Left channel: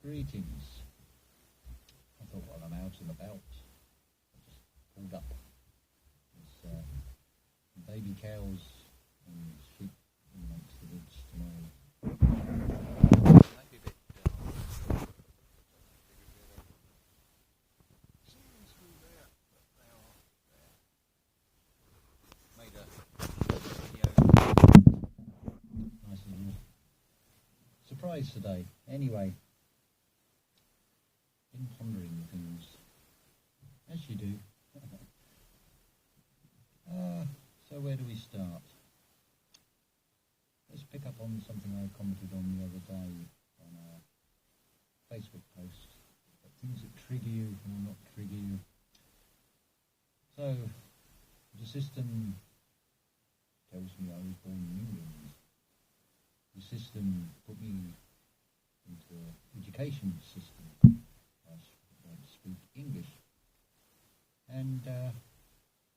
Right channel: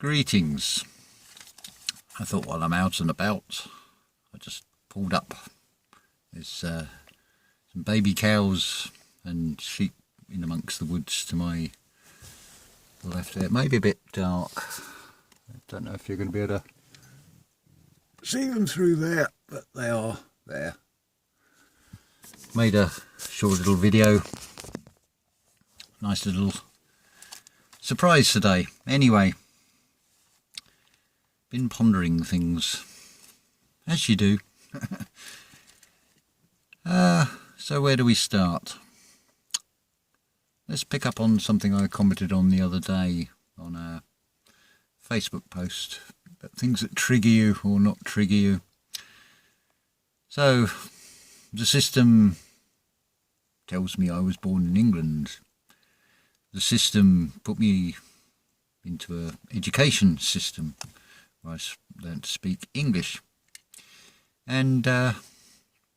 Greetings. I thought while I'm out and about, I just pulled up. There's some baby cows and sheep in amongst the woods to my left there. It may be a bit dark. I don't know if you're going to be able to see them through there, but they are there. Made a short little video. Nice little surprise today. Anyway, been pondering things, as you do. So where do we start? Let's pick up on something I commented on the other day on a Facebook post about things that trigger you or not trigger you. So the system tells me I was born in England. The system put me into an education system where I learned to speak English. And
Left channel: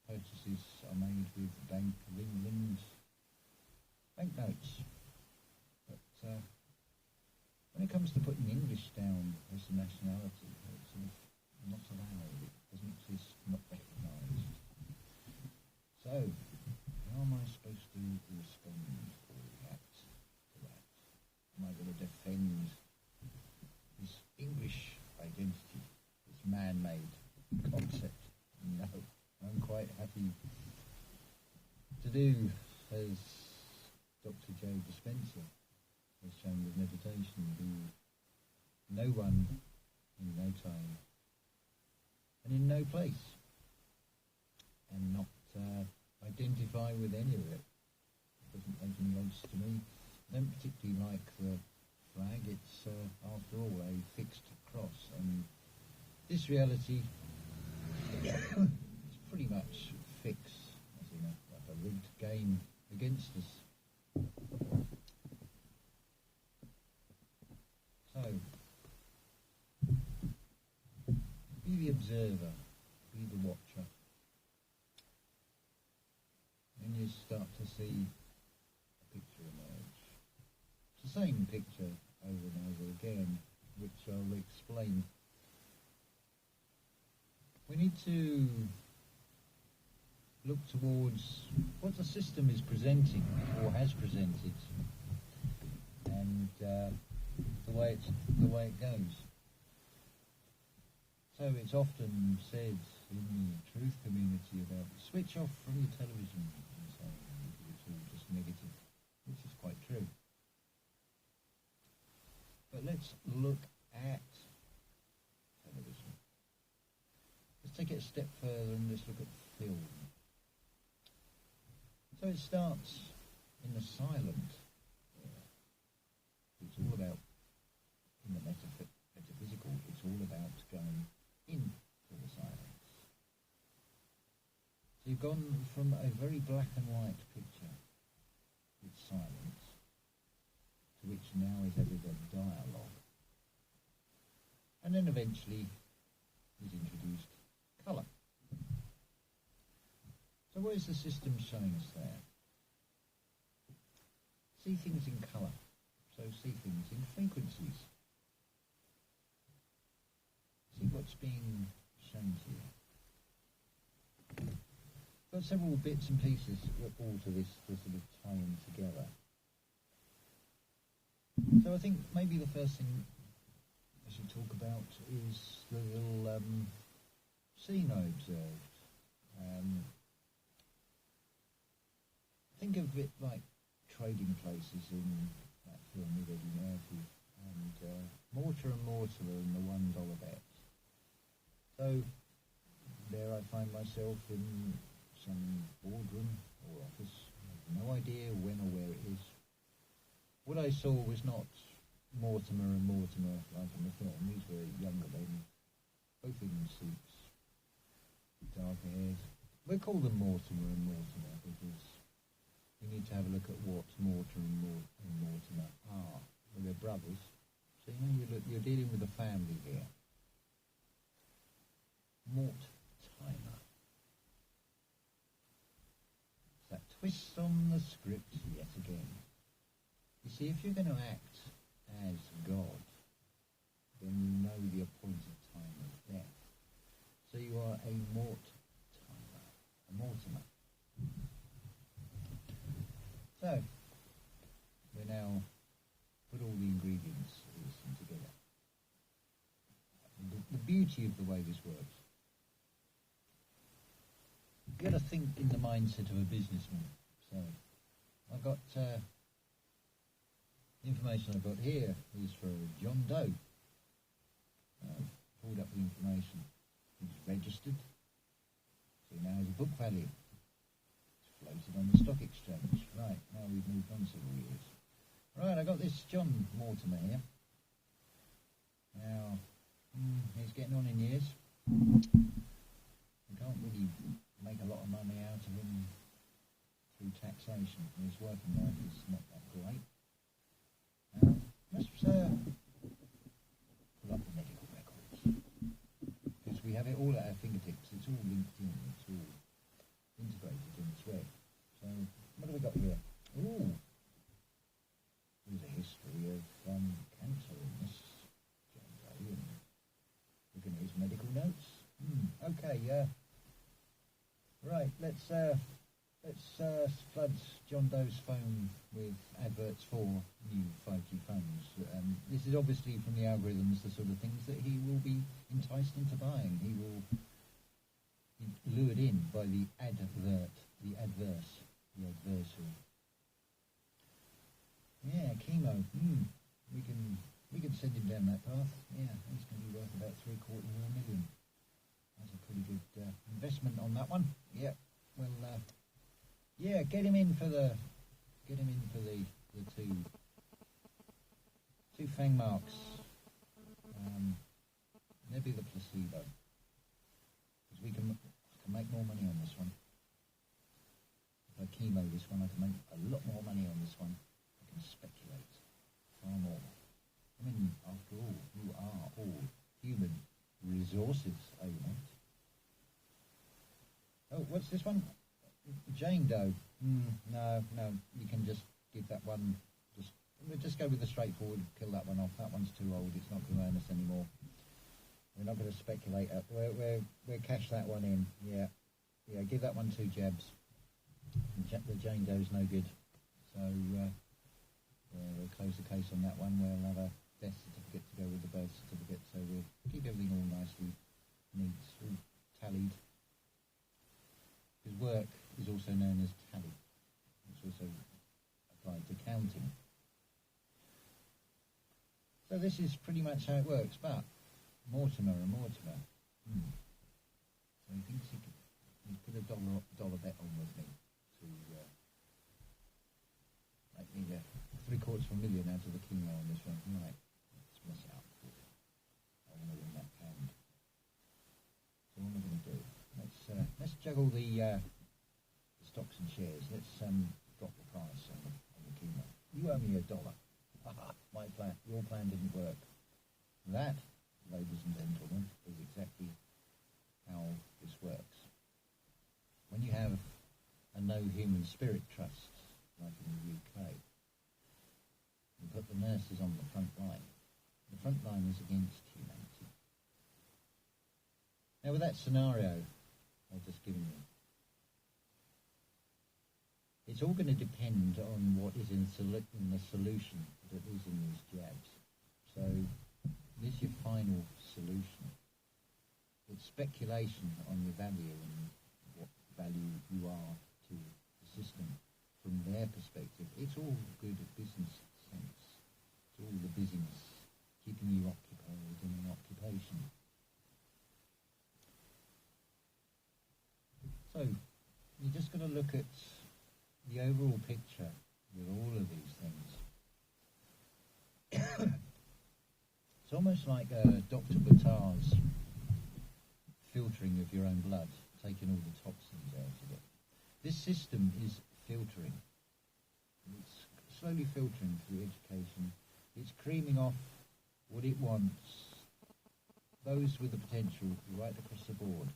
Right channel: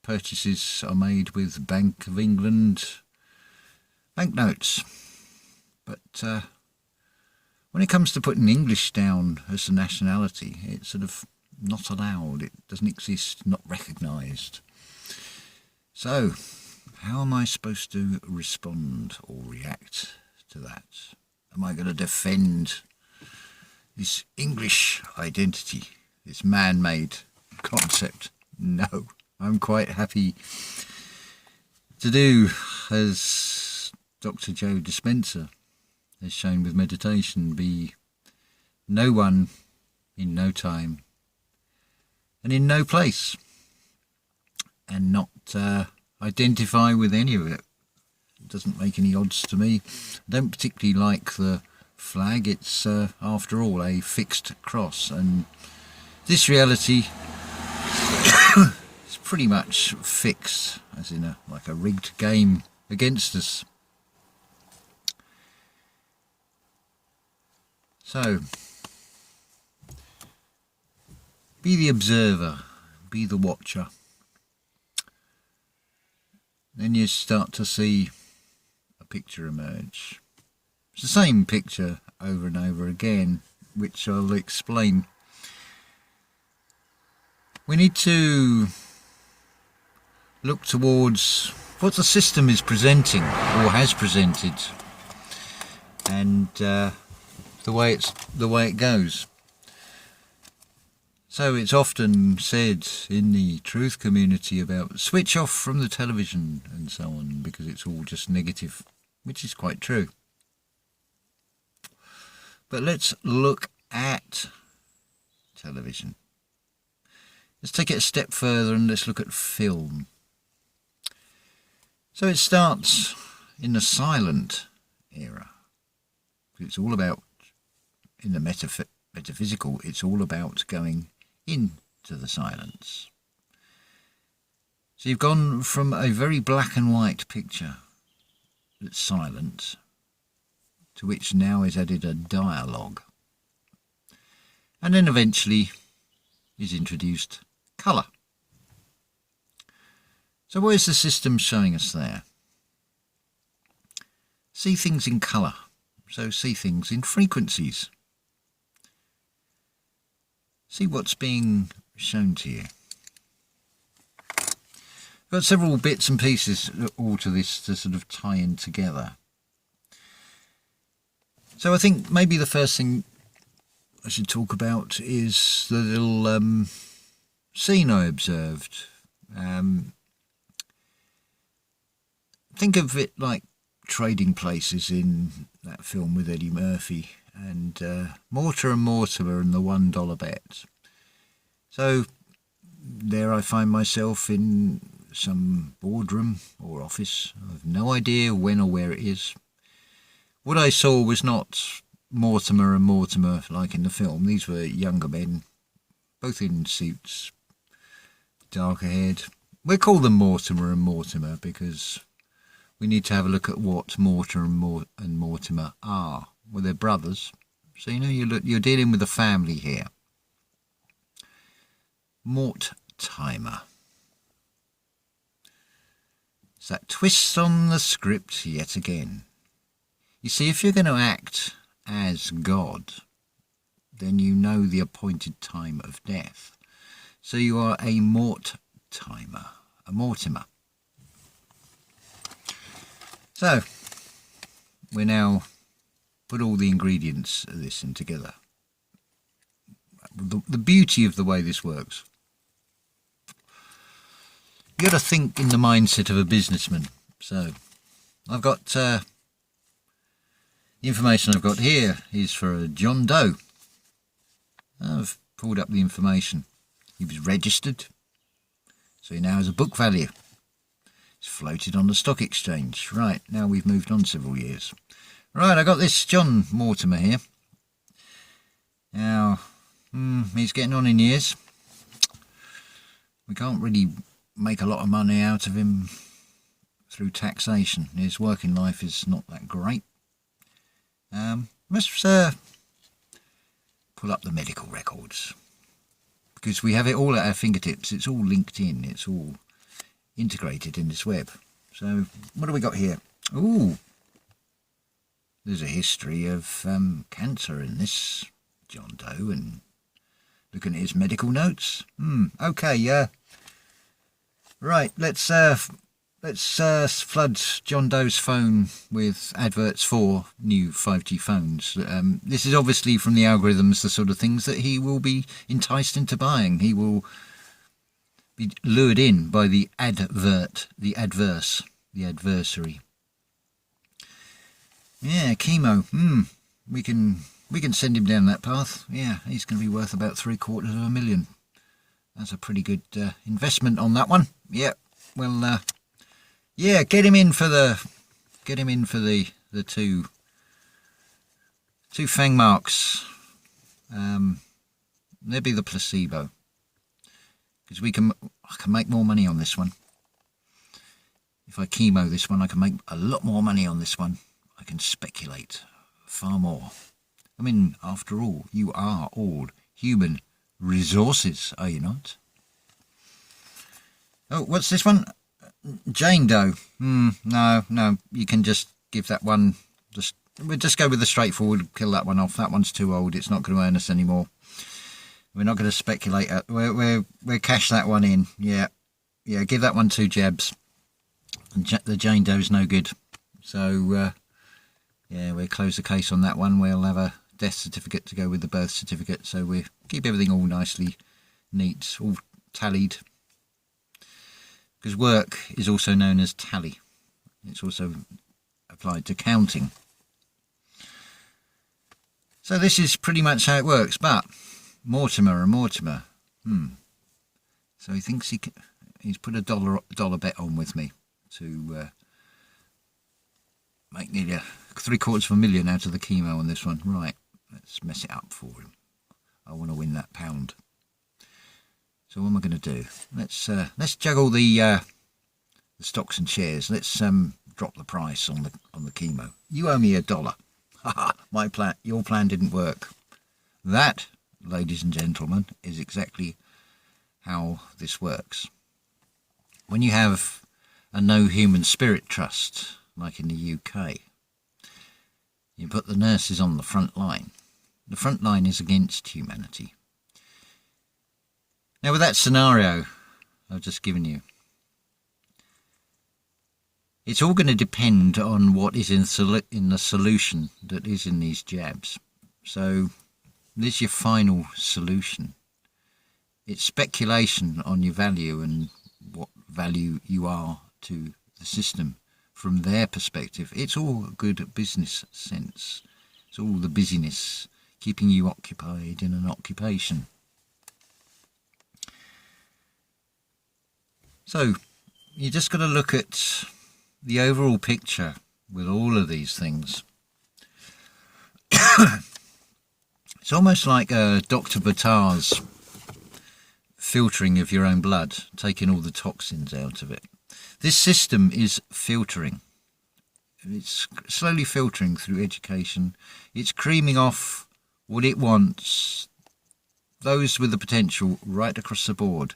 purchases are made with Bank of England banknotes. But when it comes to putting English down as a nationality, it's sort of not allowed. It doesn't exist, not recognised. So, how am I supposed to respond or react to that? Am I going to defend this English identity, this man-made concept? No, I'm quite happy to do as Dr. Joe Dispenza has shown with meditation, be no one in no time and in no place, and not identify with any of it. It doesn't make any odds to me. I don't particularly like the flag. It's after all a fixed cross, and this reality is pretty much fixed, as in like a rigged game against us. So be the observer, be the watcher. Then you start to see a picture emerge. It's the same picture over and over again, which I'll explain. We need to look towards what the system is presenting or has presented, and the way it goes. So it's often said in the truth community about switch off from the television and so on, because it's all just negative, which is quite true. But let's look at television. Let's take it a step further and let's look at film. So it starts in the silent era. It's all about, in the metaphysical, it's all about going into the silence. So you've gone from a very black and white picture that's silent, to which now is added a dialogue. And then eventually is introduced colour. So what is the system showing us there? See things in colour. So see things in frequencies. See what's being shown to you. I've got several bits and pieces all to this to sort of tie in together. So I think maybe the first thing I should talk about is the little scene I observed. Think of it like Trading Places in that film with Eddie Murphy, and Mortimer and Mortimer and the $1 bet. So there I find myself in some boardroom or office. I have no idea when or where it is. What I saw was not Mortimer and Mortimer like in the film. These were younger men, both in suits, darker haired. We'll call them Mortimer and Mortimer because we need to have a look at what Mortimer and Mortimer are. Well, they're brothers, so you know you're dealing with a family here. Mortimer. It's that twist on the script yet again. You see, if you're going to act as God, then you know the appointed time of death. So you are a Mortimer, a Mortimer. So, we now put all the ingredients of this in together. The beauty of the way this works. You got to think in the mindset of a businessman. So, I've got the information I've got here is for a John Doe. I've pulled up the information. He was registered, so he now has a book value. It's floated on the stock exchange. Right, now we've moved on several years. Right, I got this John Mortimer here. Now, he's getting on in years. We can't really make a lot of money out of him through taxation. His working life is not that great. Let's pull up the medical records, because we have it all at our fingertips. It's all linked in. It's all integrated in this web. So what do we got here? Ooh, there's a history of cancer in this John Doe, and looking at his medical notes. Okay, yeah. Right, let's flood John Doe's phone with adverts for new 5G phones. This is obviously from the algorithms, the sort of things that he will be enticed into buying. He will be lured in by the adversary. Yeah, chemo. We can send him down that path. Yeah, he's going to be worth about $750,000. That's a pretty good investment on that one. Yeah. Well, yeah, get him in for the two fang marks. They'll be the placebo, because I can make more money on this one. If I chemo this one, I can make a lot more money on this one. I can speculate far more. I mean, after all, you are all human resources, are you not? Oh, what's this one? Jane Doe. No, you can just give that one. We'll just go with the straightforward. Kill that one off. That one's too old. It's not going to earn us anymore. We're not going to speculate. We'll cash that one in. Yeah. Give that one 2 jabs. The Jane Doe's no good. So we'll close the case on that one. We'll have a death certificate to go with the birth certificate. So we keep everything all nicely neat, all tallied. Because work is also known as tally. It's also applied to counting. So this is pretty much how it works. But Mortimer and Mortimer. So he thinks he's put a dollar bet on with me to make nearly $750,000 out of the chemo on this one. Right, let's mess it up for him. I want to win that pound. So what am I going to do? Let's juggle the stocks and shares. Let's drop the price on the chemo. You owe me $1. Your plan didn't work. That, ladies and gentlemen, is exactly how this works. When you have a no human spirit trust, like in the UK, you put the nurses on the front line. The front line is against humanity. Now, with that scenario I've just given you, it's all going to depend on what is in the solution that is in these jabs. So this is your final solution. It's speculation on your value and what value you are to the system from their perspective. It's all good business sense. It's all the busyness, keeping you occupied in an occupation. So you just got to look at the overall picture with all of these things. It's almost like Dr. Bata's filtering of your own blood, taking all the toxins out of it. This system is filtering. It's slowly filtering through education. It's creaming off what it wants, those with the potential, right across the board.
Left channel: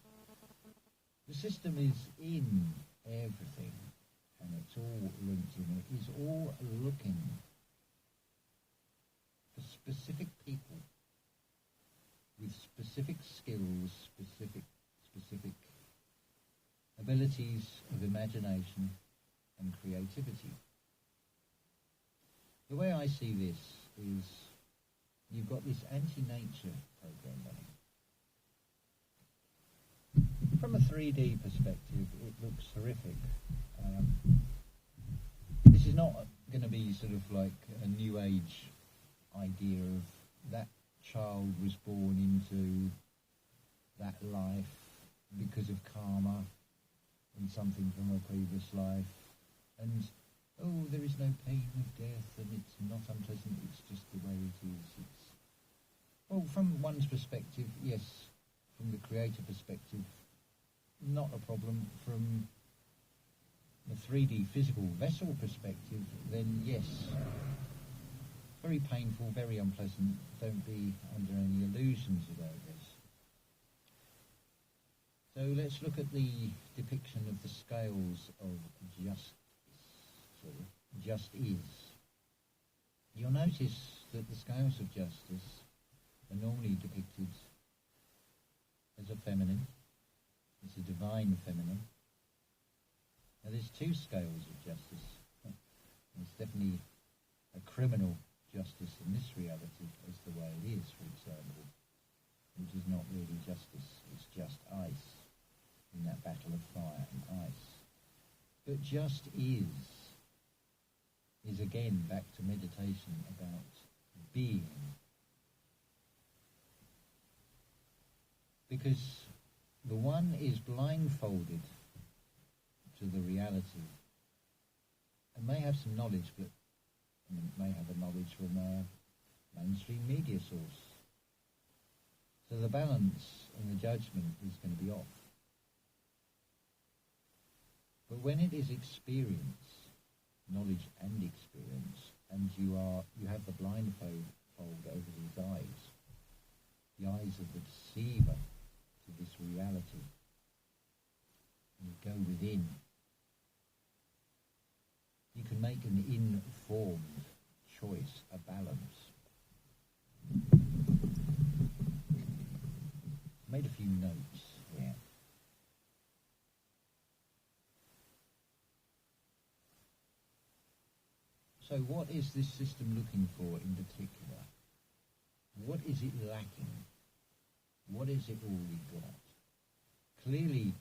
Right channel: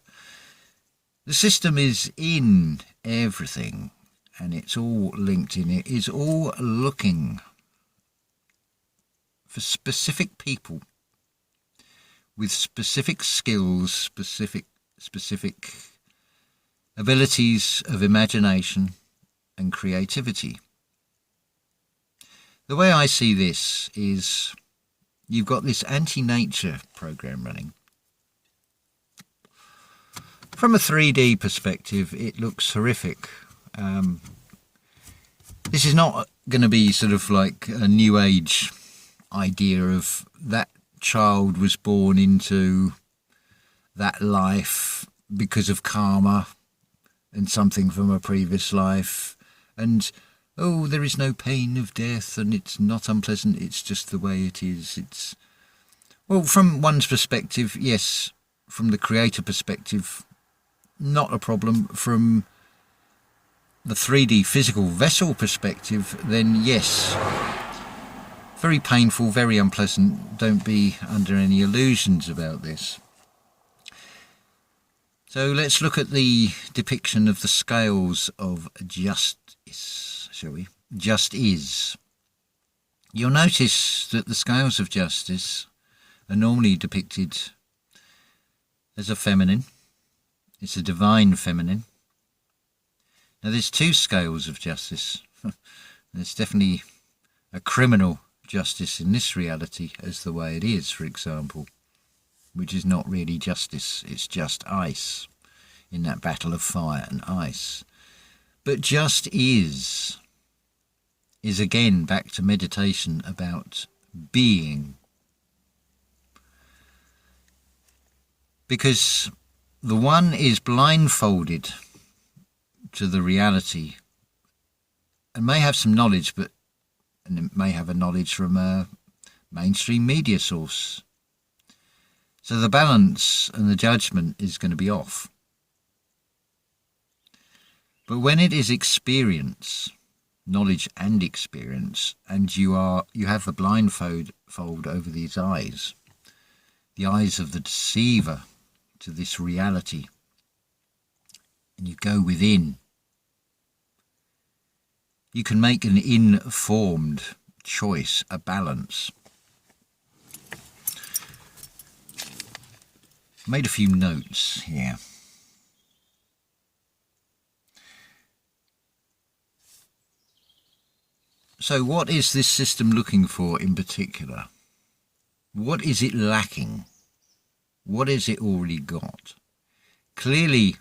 The system is in everything, and it's all linked in. It is all looking for specific people with specific skills, specific abilities of imagination and creativity. The way I see this is you've got this anti-nature program running. From a 3D perspective, it looks horrific. This is not going to be sort of like a new age idea of that child was born into that life because of karma and something from a previous life, and oh, there is no pain of death and it's not unpleasant, it's just the way it is. It's, well, from one's perspective, yes. From the creator perspective, not a problem. From the 3D physical vessel perspective, then yes, very painful, very unpleasant. Don't be under any illusions about this. So let's look at the depiction of the scales of justice, shall we? Just is. You'll notice that the scales of justice are normally depicted as a feminine. It's a divine feminine. Now there's two scales of justice. There's definitely a criminal justice in this reality as the way it is, for example, which is not really justice, it's just ice in that battle of fire and ice. But just is again back to meditation about being. Because the one is blindfolded to the reality and may have some knowledge, and it may have a knowledge from a mainstream media source. So the balance and the judgment is going to be off. But when it is experience, knowledge and experience, and you have the blindfold over these eyes, the eyes of the deceiver to this reality, and you go within, you can make an informed choice, a balance. Made a few notes here. So what is this system looking for in particular? What is it lacking? What has it already got? Clearly,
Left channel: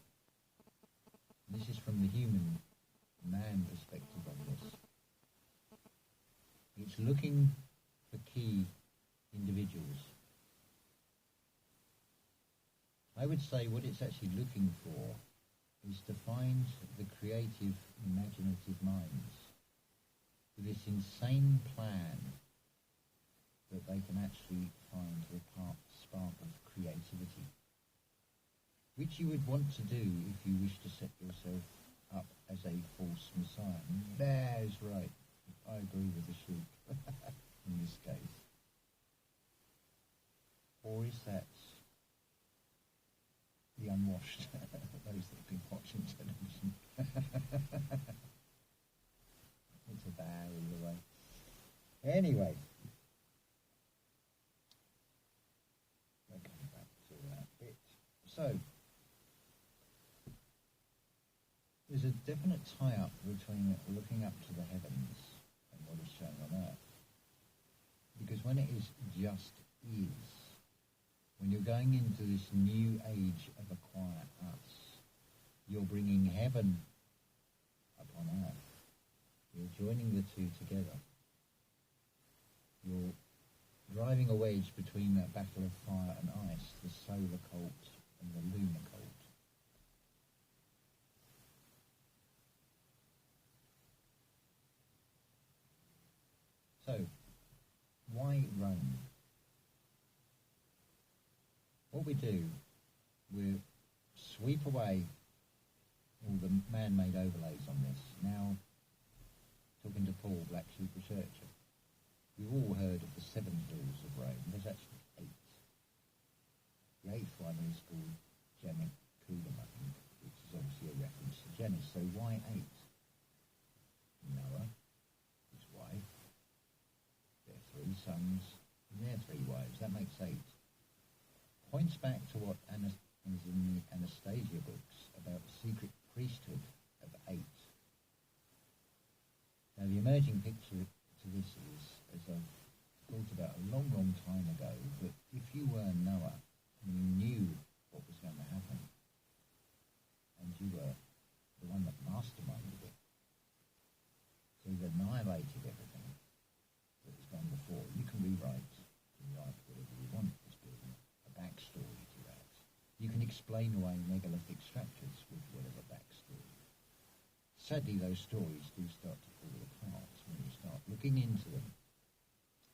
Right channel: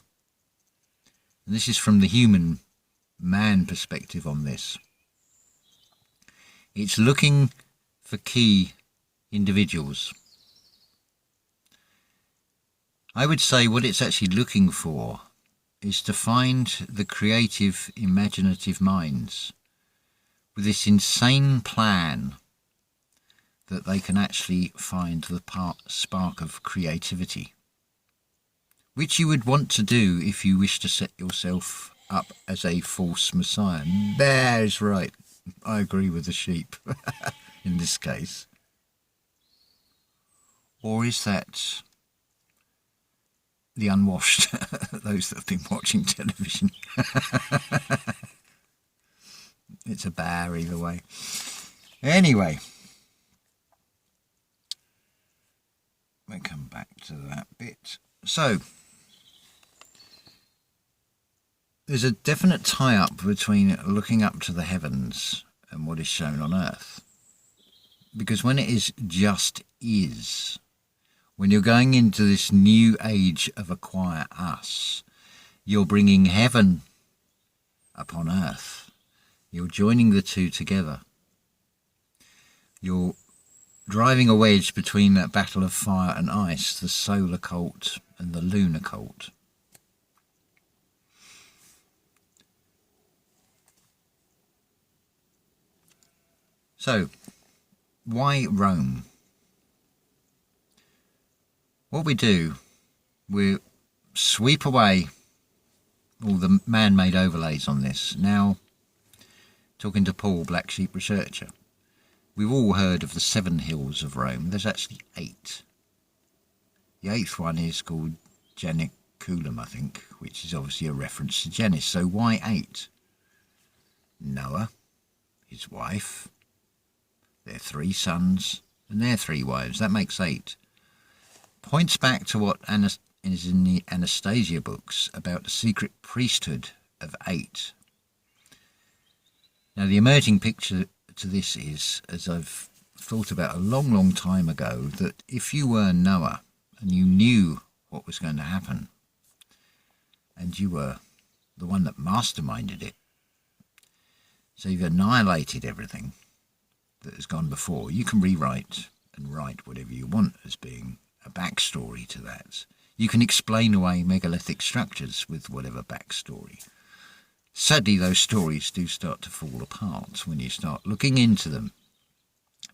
and this is from the human man perspective on this, it's looking for key individuals. I would say what it's actually looking for is to find the creative, imaginative minds with this insane plan that they can actually find the spark of creativity, which you would want to do if you wish to set yourself up as a false messiah. That's right. I agree with the sheep in this case. Or is that the unwashed, those that have been watching television? It's a bear either way. Anyway, we'll come back to that bit. So, there's a definite tie-up between looking up to the heavens and what is shown on earth. Because when it is just is, when you're going into this new age of acquire us, you're bringing heaven upon earth. You're joining the two together. You're driving a wedge between that battle of fire and ice, the solar cult and the lunar cult. So, why Rome? What we do, we sweep away all the man-made overlays on this. Now, talking to Paul, Black Sheep Researcher, we've all heard of the 7 hills of Rome. There's actually 8. The 8th one is called Janiculum, I think, which is obviously a reference to Janus. So why 8? Noah, his wife, their 3 sons, and their 3 wives. That makes 8. points back to what is in the Anastasia books about the secret priesthood of 8. Now, the emerging picture to this is, as I've thought about a long, long time ago, that if you were Noah and you knew what was going to happen, and you were the one that masterminded it, so you've annihilated everything that has gone before, you can rewrite and write whatever you want as being a backstory to that. You can explain away megalithic structures with whatever backstory. Sadly, those stories do start to fall apart when you start looking into them.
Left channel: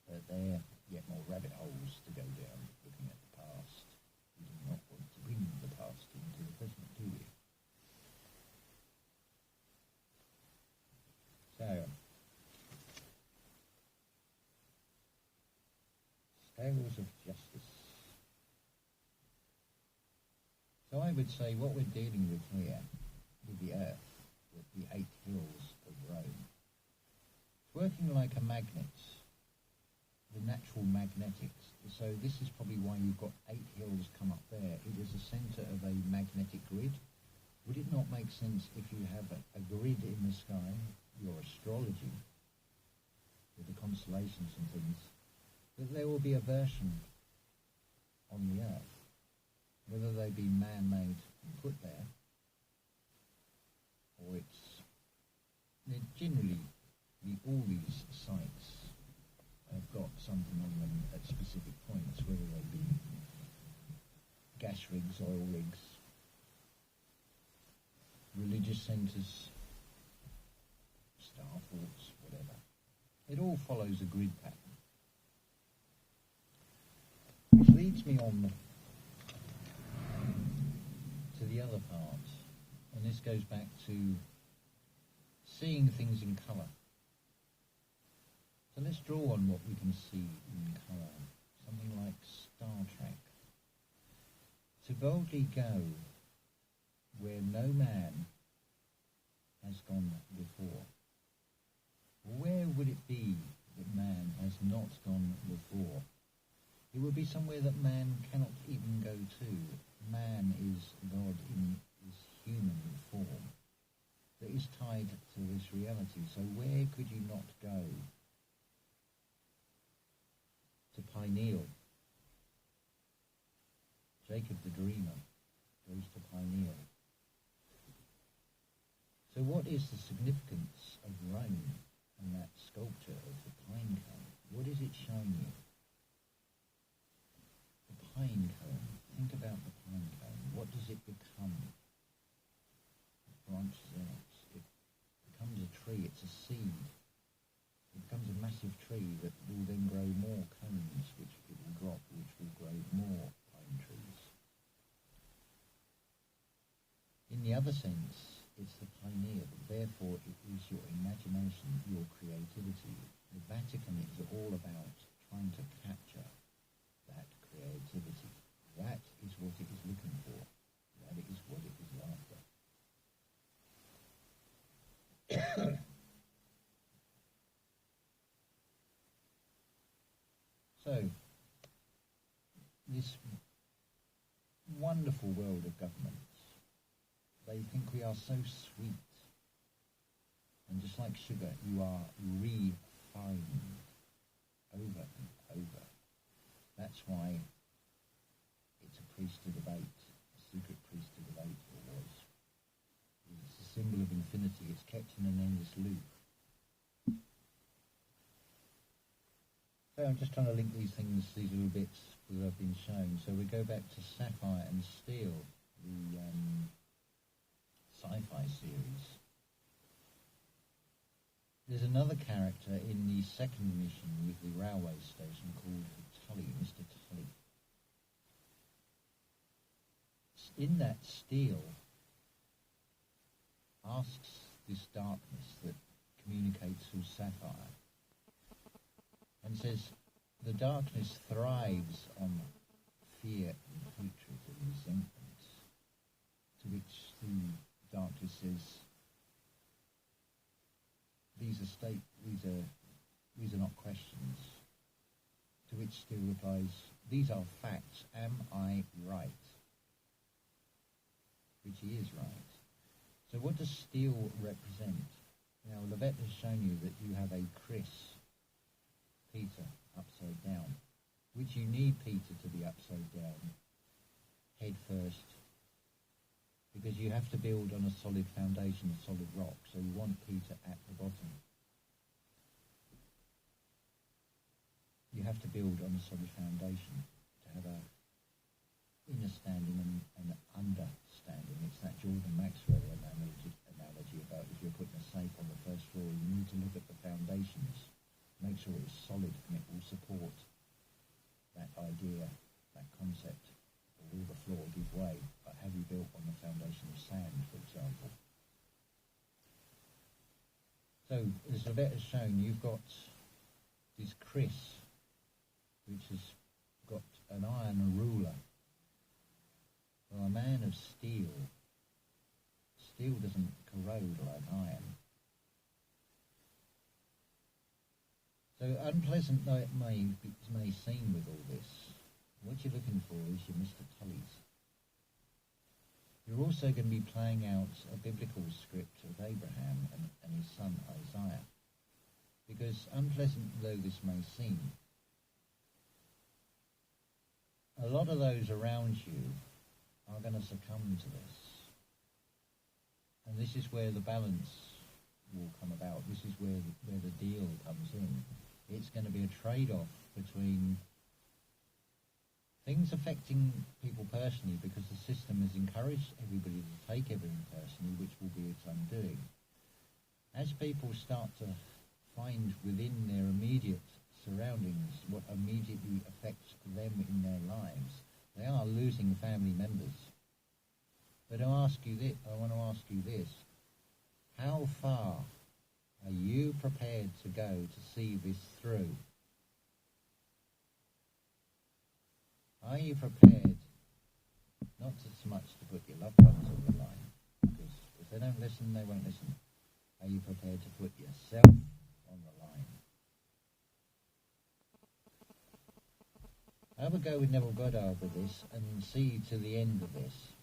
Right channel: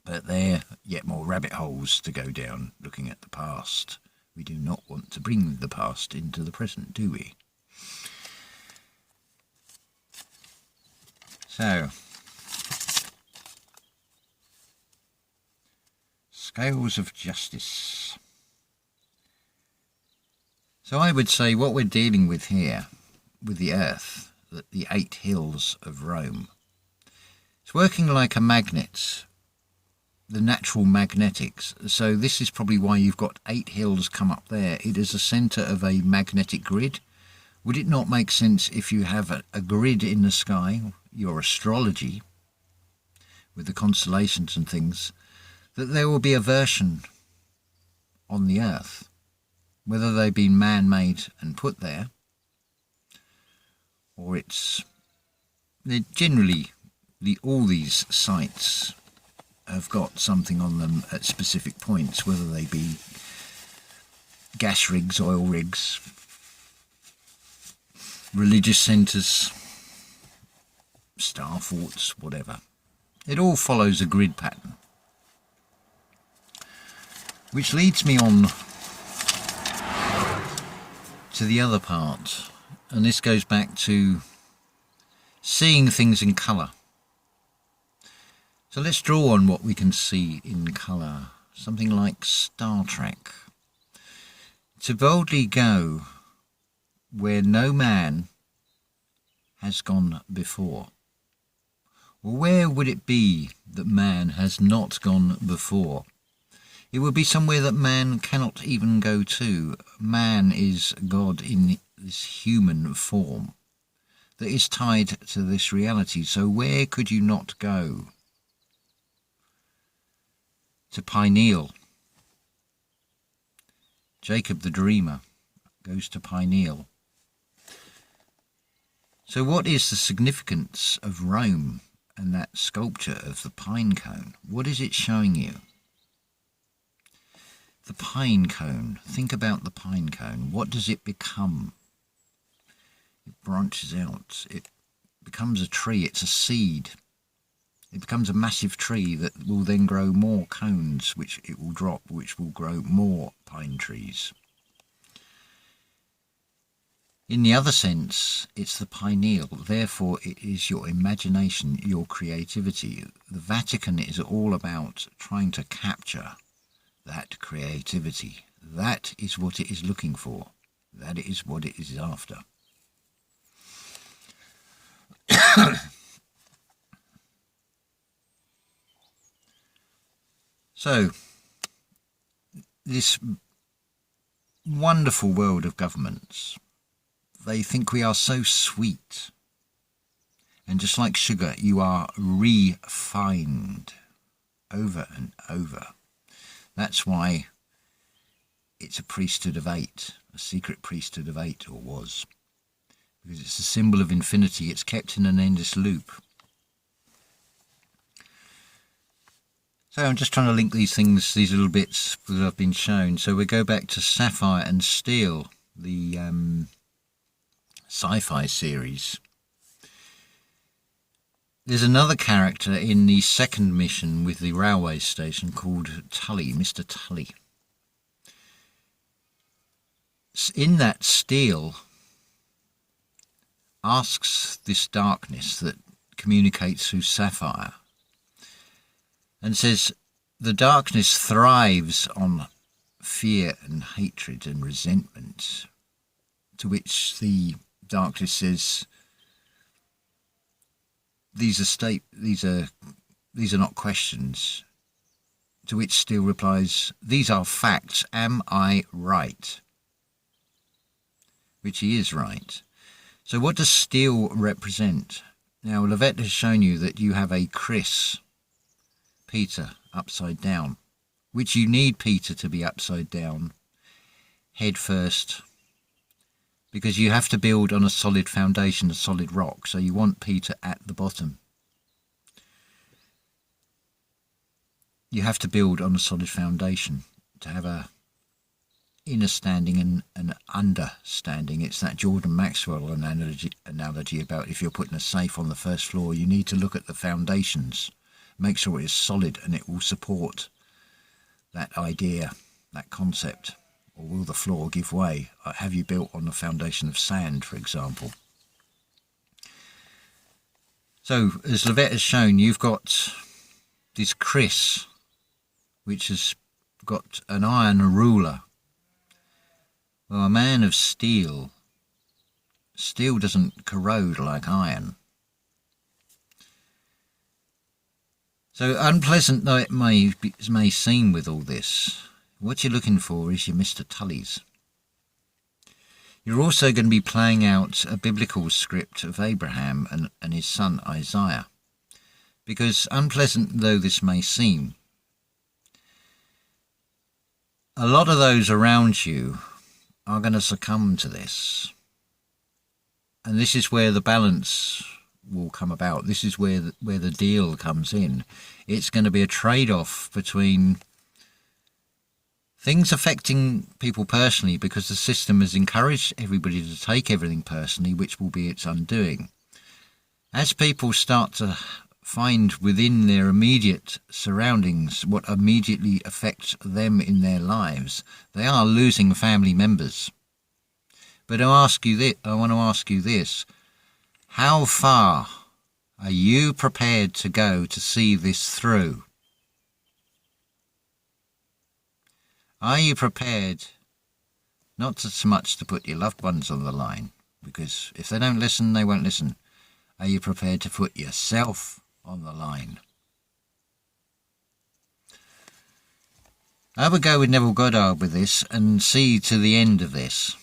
But there are yet more rabbit holes to go down looking at the past. We do not want to bring the past into the present, do we? So, scales of justice. So I would say what we're dealing with here, with the Earth, the 8 hills of Rome, it's working like a magnet, the natural magnetics. So this is probably why you've got 8 hills come up there. It is a centre of a magnetic grid. Would it not make sense if you have a grid in the sky, your astrology, with the constellations and things, that there will be a version on the Earth, whether they've been man-made and put there, or they're generally, all these sites have got something on them at specific points, whether they be gas rigs, oil rigs, religious centres, star forts, whatever. It all follows a grid pattern. Which leads me on to the other part, and this goes back to seeing things in colour. So let's draw on what we can see in colour, something like Star Trek. To boldly go where no man has gone before. Well, where would it be that man has not gone before? It would be somewhere that man cannot even go to. Man is God in this human form that is tied to this reality. So where could you not go? To Pineal. Jacob the Dreamer goes to Pineal. So what is the significance of Rome and that sculpture of the pine cone? What is it showing you? The pine cone. Think about the pine cone. What does it become? It branches out. It becomes a tree. It's a seed. It becomes a massive tree that will then grow more cones, which it will drop, which will grow more pine trees. In the other sense, it's the pineal. Therefore, it is your imagination, your creativity. The Vatican is all about trying to capture that creativity. That is what it is looking for. That is what it is after. So, this wonderful world of governments, they think we are so sweet. And just like sugar, you are refined over and over. That's why it's a priesthood of 8, a secret priesthood of 8, or was. Because it's a symbol of infinity. It's kept in an endless loop. So I'm just trying to link these things, these little bits that I've been shown. So we go back to Sapphire and Steel, the sci-fi series. There's another character in the second mission with the railway station called Tully, Mr. Tully. In that, Steel asks this darkness that communicates through Sapphire and says the darkness thrives on fear and hatred and resentment, to which the darkness says these are not questions To which Steel replies, "These are facts. Am I right?" Which he is right. So what does Steel represent? Now, Lovett has shown you that you have a Chris, Peter, upside down, which you need Peter to be upside down, head first, because you have to build on a solid foundation, a solid rock, so you want Peter at the bottom. You have to build on a solid foundation to have a inner standing and an understanding. It's that Jordan Maxwell analogy about if you're putting a safe on the first floor, you need to look at the foundations, make sure it is solid and it will support that idea, that concept. Or will the floor give way? Have you built on a foundation of sand, for example? So, as Lovett has shown, you've got this Chris, which has got an iron ruler. Well, a man of steel. Steel doesn't corrode like iron. So unpleasant though it may seem with all this, what you're looking for is your Mr. Tullys. You're also going to be playing out a biblical script of Abraham and his son Isaiah. Because unpleasant though this may seem, a lot of those around you are going to succumb to this. And this is where the balance will come about. This is where the deal comes in. It's going to be a trade-off between things affecting people personally, because the system has encouraged everybody to take everything personally, which will be its undoing. As people start to find within their immediate surroundings what immediately affects them in their lives, they are losing family members. But I want to ask you this: how far are you prepared to go to see this through? Are you prepared not so much to put your loved ones on the line, because if they don't listen, they won't listen. Are you prepared to put yourself on the line? I would go with Neville Goddard with this and see to the end of this,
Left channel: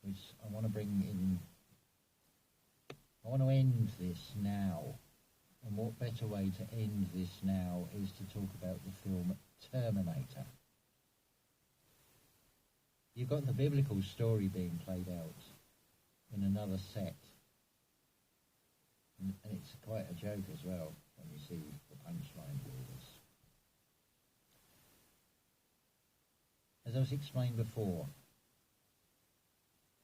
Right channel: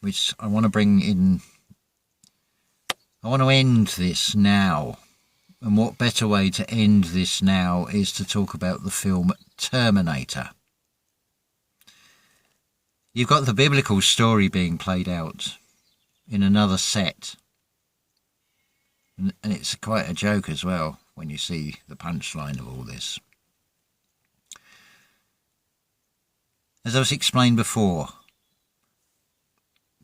which I want to bring in. I want to end this now, and what better way to end this now is to talk about the film Terminator. You've got the biblical story being played out in another set, and it's quite a joke as well when you see the punchline of all this. As I was explained before,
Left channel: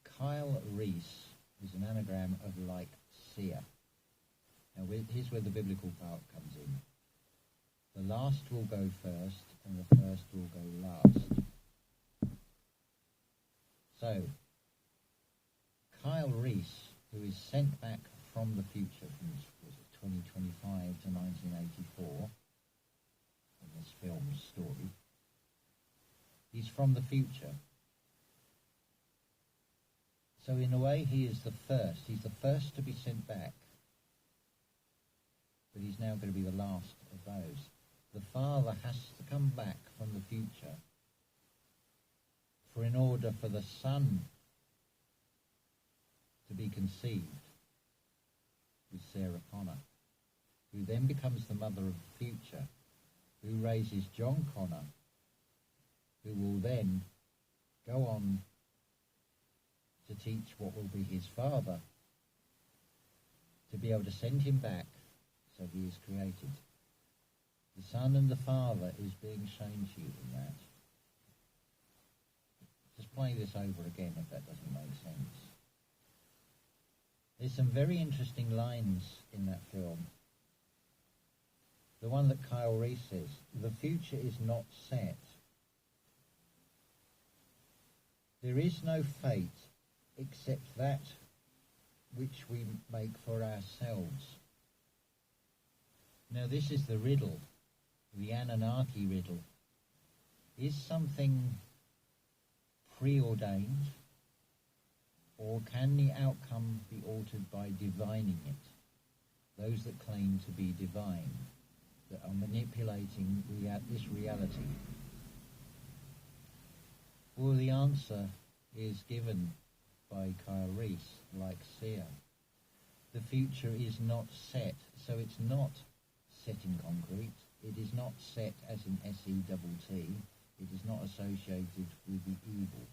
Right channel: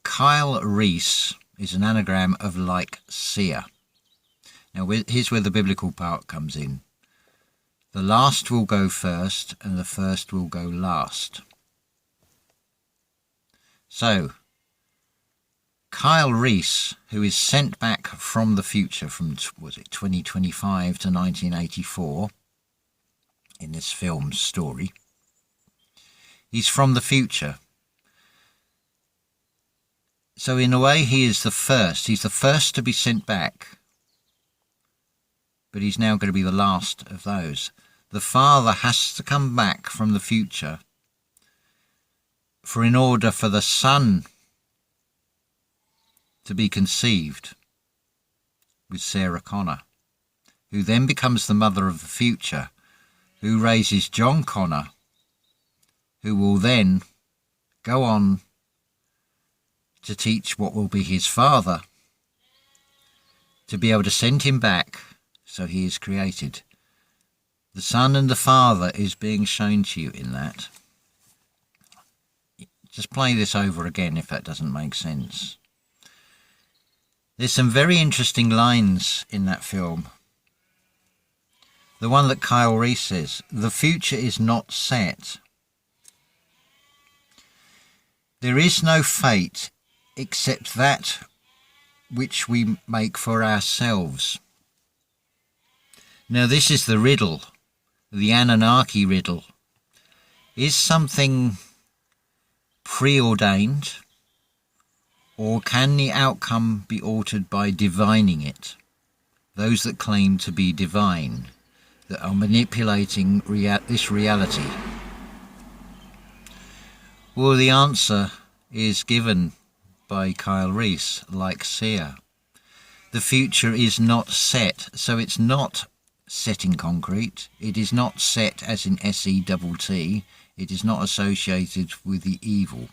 Kyle Rees is an anagram of like seer. Now here's where the biblical part comes in. The last will go first and the first will go last. So, Kyle Rees, who is sent back from the future from, was it 2025 to 1984 in this film's story, he's from the future. So in a way he is the first. He's the first to be sent back. But he's now going to be the last of those. The father has to come back from the future in order for the son to be conceived with Sarah Connor, who then becomes the mother of the future, who raises John Connor, who will then go on to teach what will be his father, to be able to send him back, so he is created. The Son and the Father is being shown to you in that. Just play this over again if that doesn't make sense. There's some very interesting lines in that film. The one that Kyle Rees says, "The future is not set. There is no fate except that which we make for ourselves." Now this is the riddle, the Anunnaki riddle. Is something preordained, or can the outcome be altered by divining it? Those that claim to be divine, that are manipulating this reality? Well, the answer is given by Kyle Rees, like Sia. The future is not set, so it's not set in concrete. It is not set as in SETT. It is not associated with the evil.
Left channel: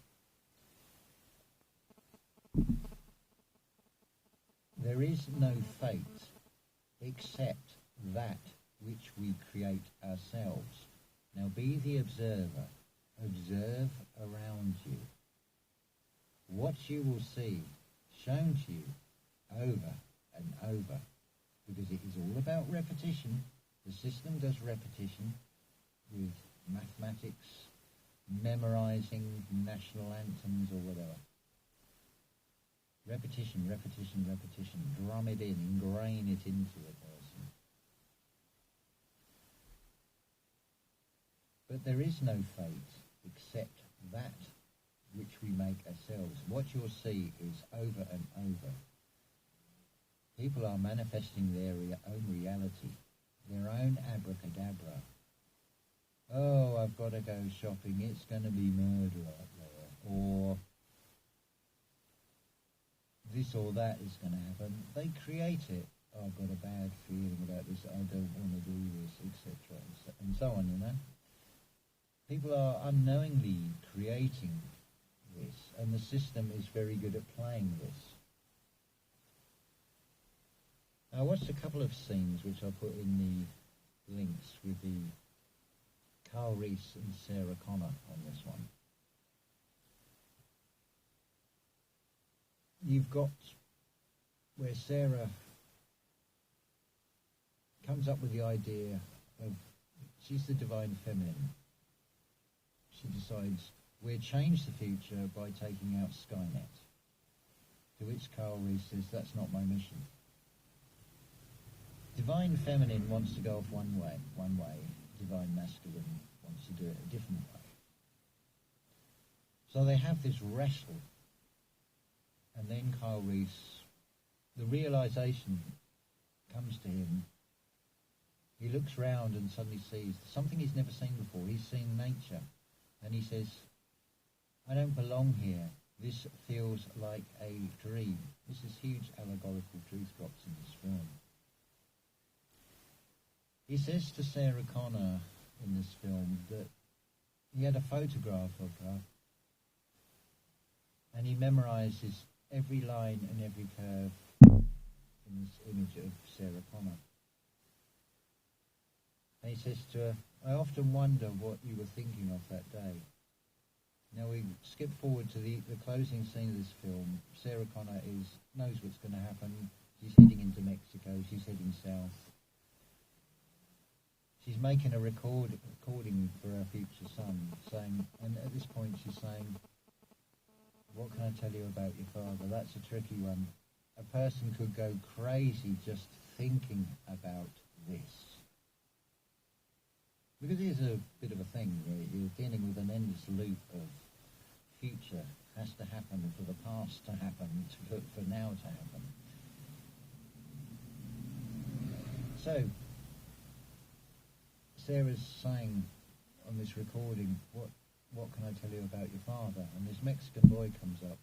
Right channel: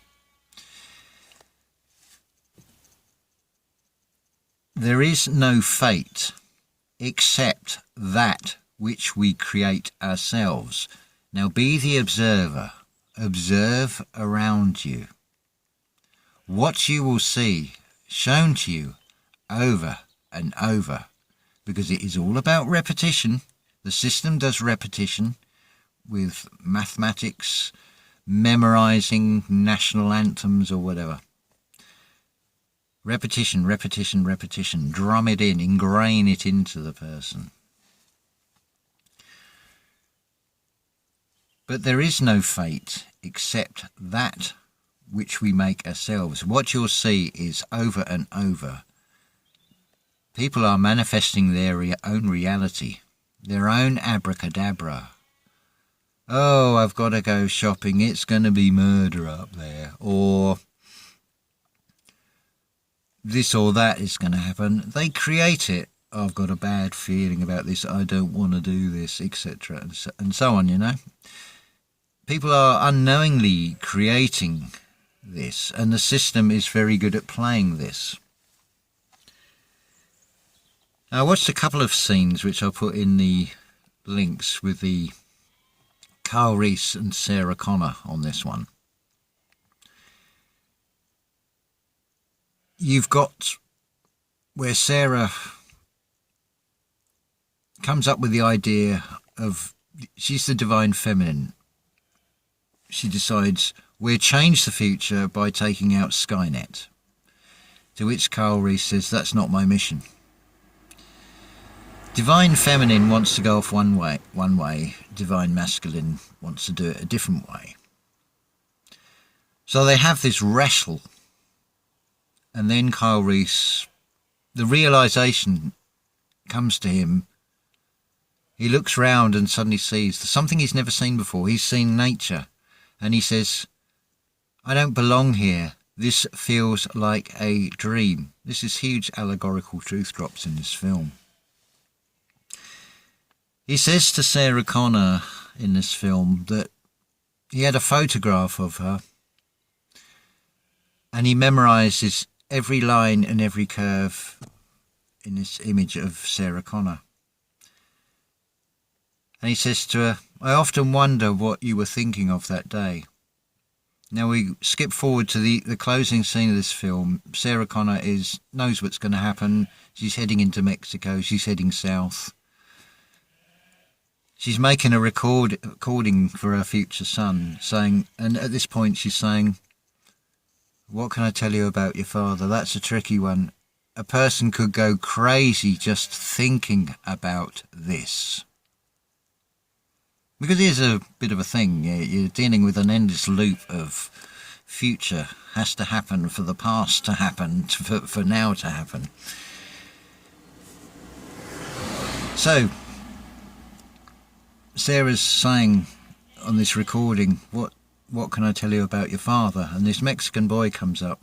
There is no fate except that which we create ourselves. Now be the observer. Observe around you. What you will see shown to you over and over, because it is all about repetition. The system does repetition with mathematics, memorizing national anthems or whatever. Repetition, repetition, repetition. Drum it in, ingrain it into the person. But there is no fate except that which we make ourselves. What you'll see is over and over. People are manifesting their own reality, their own abracadabra. Oh, I've got to go shopping. It's going to be murder up there. Or this or that is going to happen. They create it. I've got a bad feeling about this. I don't want to do this, etc. And so on, you know. People are unknowingly creating this, and the system is very good at playing this. I watched a couple of scenes which I'll put in the links with the Kyle Rees and Sarah Connor on this one. You've got where Sarah comes up with the idea of, she's the divine feminine. She decides, we'll change the future by taking out Skynet. To which Kyle Rees says, that's not my mission. Divine feminine wants to go off one way. Divine masculine wants to do it a different way. So they have this wrestle. And then Kyle Rees, the realisation comes to him. He looks round and suddenly sees something he's never seen before. He's seen nature. And he says, I don't belong here. This feels like a dream. This is huge allegorical truth drops in this film. He says to Sarah Connor in this film that he had a photograph of her and he memorises every line and every curve in this image of Sarah Connor. And he says to her, I often wonder what you were thinking of that day. Now we skip forward to the closing scene of this film. Sarah Connor knows what's going to happen. She's heading into Mexico. She's heading south. She's making a recording for her future son, and at this point she's saying, what can I tell you about your father? That's a tricky one. A person could go crazy just thinking about this. Because here's a bit of a thing. You're dealing with an endless loop of future has to happen for the past to happen, for now to happen. So Sarah's saying on this recording, what can I tell you about your father? And this Mexican boy comes up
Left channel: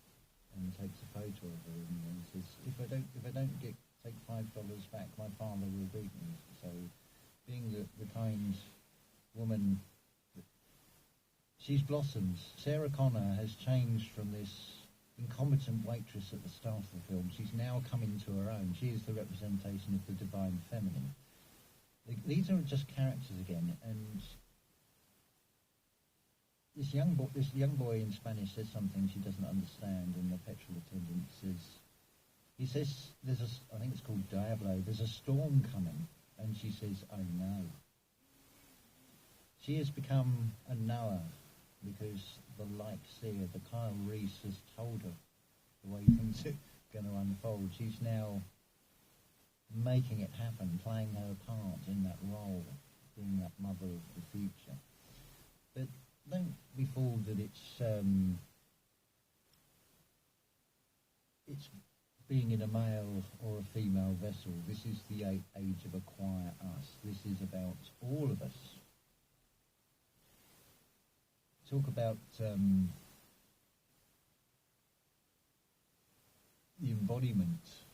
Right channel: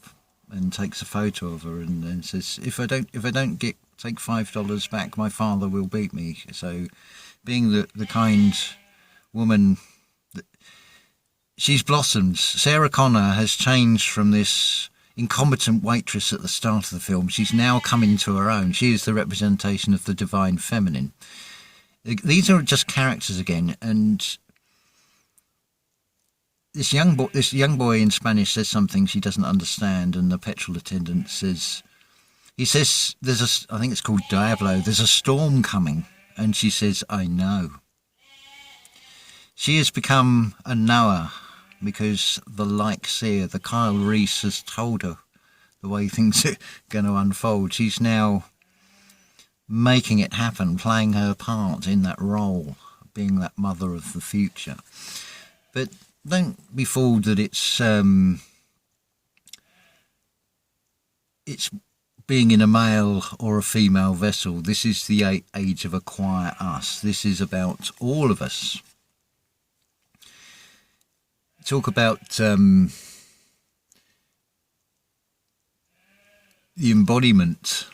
and takes a photo of her and says, if I don't take $5 back, my father will beat me. So being the kind woman, she's blossomed. Sarah Connor has changed from this incompetent waitress at the start of the film. She's now come into her own. She is the representation of the divine feminine. These are just characters again, and this young boy in Spanish says something she doesn't understand, and the petrol attendant says, I think it's called Diablo, there's a storm coming, and she says, I know. She has become a knower because the Kyle Rees has told her the way things are going to unfold. She's now making it happen, playing her part in that role, being that mother of the future. But don't be fooled that it's being in a male or a female vessel. This is the age of acquire us. This is about all of us. Talk about the embodiment.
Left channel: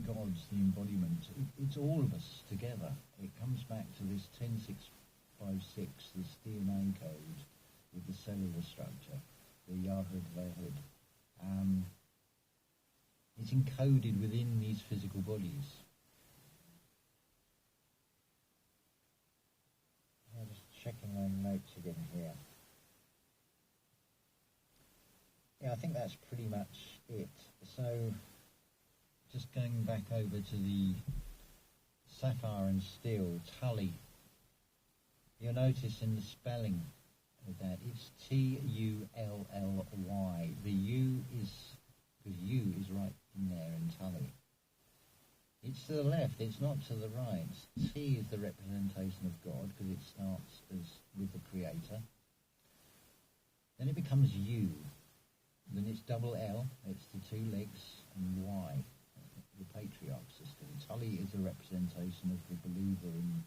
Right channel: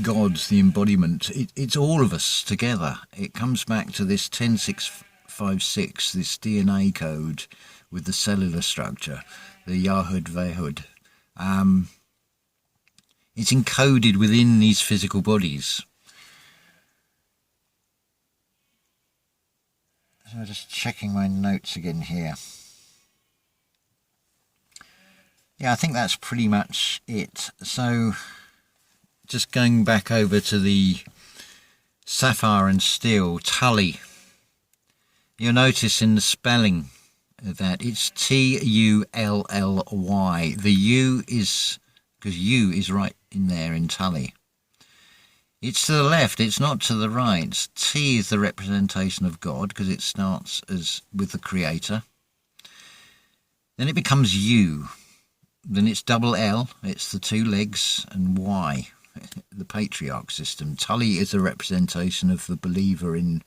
God's the embodiment. It's all of us together. It comes back to this 10656, this DNA code with the cellular structure, the Yahud Vehud. It's encoded within these physical bodies. So just checking my notes again here. Yeah, I think that's pretty much it. So just going back over to the Sapphire and Steel, Tully. You'll notice in the spelling that it's Tully. The U is, because U is right in there in Tully. It's to the left, it's not to the right. T is the representation of God, because it starts as with the Creator. Then it becomes U. Then it's double L, it's the two legs, and Y, the patriarch system. Tully is a representation of the believer in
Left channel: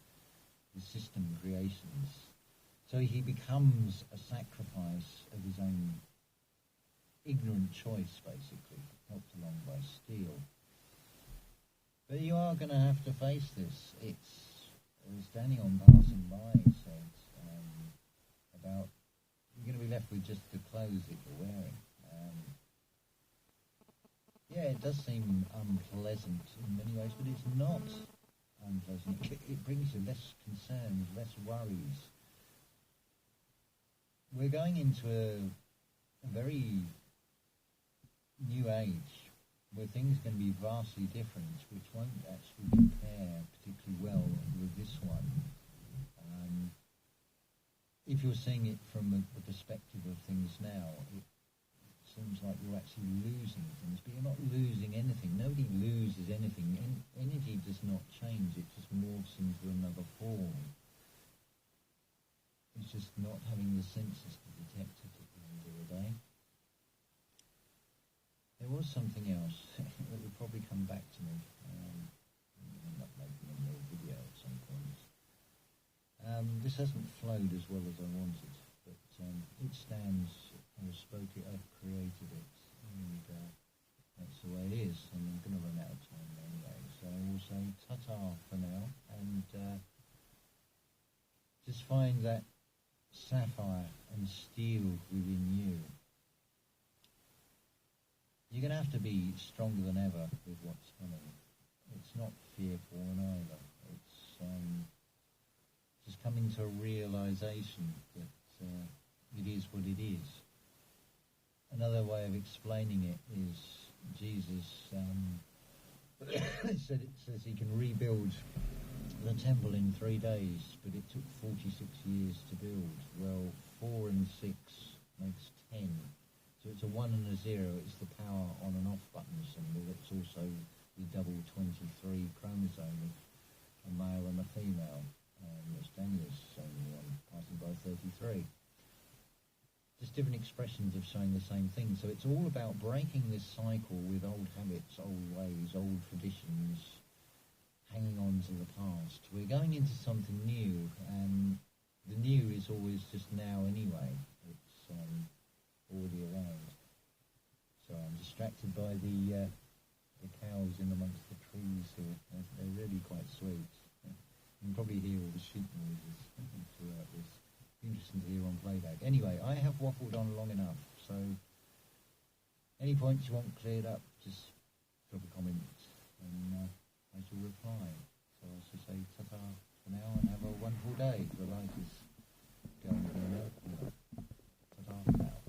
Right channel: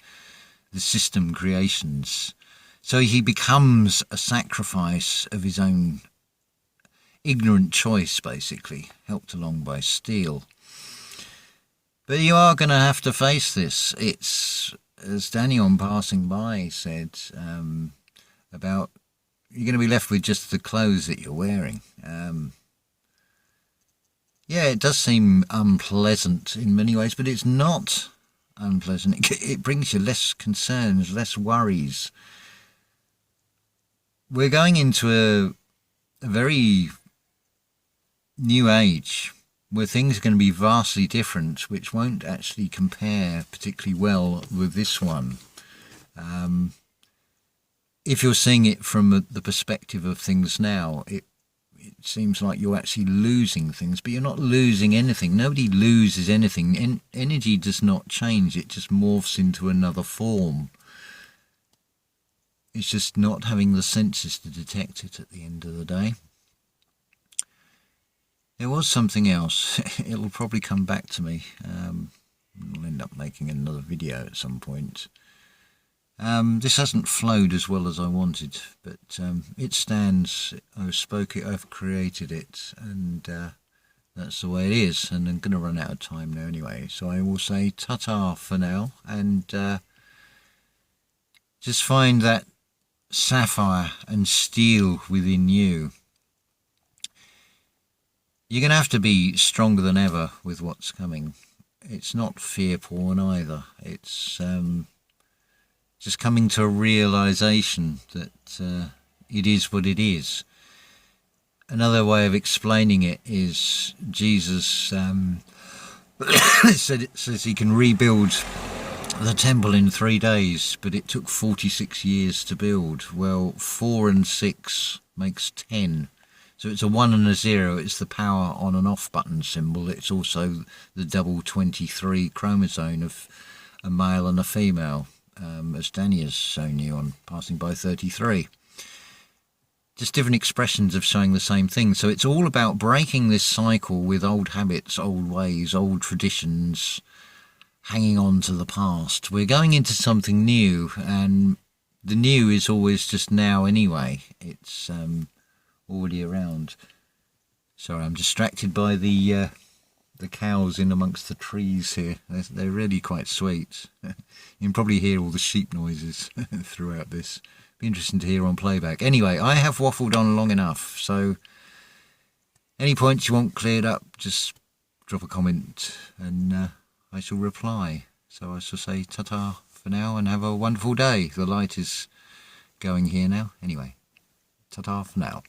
the system creations. So he becomes a sacrifice of his own ignorant choice, basically, helped along by Steel. But you are going to have to face this. It's, as Danny on passing by said, about you're going to be left with just the clothes that you're wearing. Yeah, it does seem unpleasant in many ways, but it's not unpleasant. It brings you less concerns, less worries. We're going into a very new age where things are going to be vastly different, which won't actually compare particularly well with this one. If you're seeing it from the perspective of things now, it seems like you're actually losing things, but you're not losing anything. Nobody loses anything. Energy does not change. It just morphs into another form. It's just not having the senses to detect it at the end of the day. There was something else. It'll probably come back to me. I'll end up making another video at some point. This hasn't flowed as well as I wanted, but it stands. I've created it, and that's the way it is. And I'm going to run out of time now anyway, so I will say ta-ta for now, and just find that sapphire and steel within you. You're going to have to be stronger than ever with what's coming. It's not fear porn either. It's just coming to a realization that it is what it is. Another way of explaining it is Jesus says he can rebuild the temple in 3 days, but it took 46 years to build. Well, 4 and 6 makes 10. So it's a 1 and a 0. It's the power on and off button symbol. It's also the double 23 chromosome of a male and a female, as Danny has shown you on passing by 33. Just different expressions of showing the same thing. So it's all about breaking this cycle with old habits, old ways, old traditions, hanging on to the past. We're going into something new, and the new is always just now anyway. It's already around. Sorry, I'm distracted by the cows in amongst the trees here. They're really quite sweet. You can probably hear all the sheep noises throughout this. Be interesting to hear on playback. Anyway, I have waffled on long enough, so any points you want cleared up, just drop a comment and I shall reply. So I shall say ta-ta for now and have a wonderful day. The light is going here now. Anyway, ta-ta for now.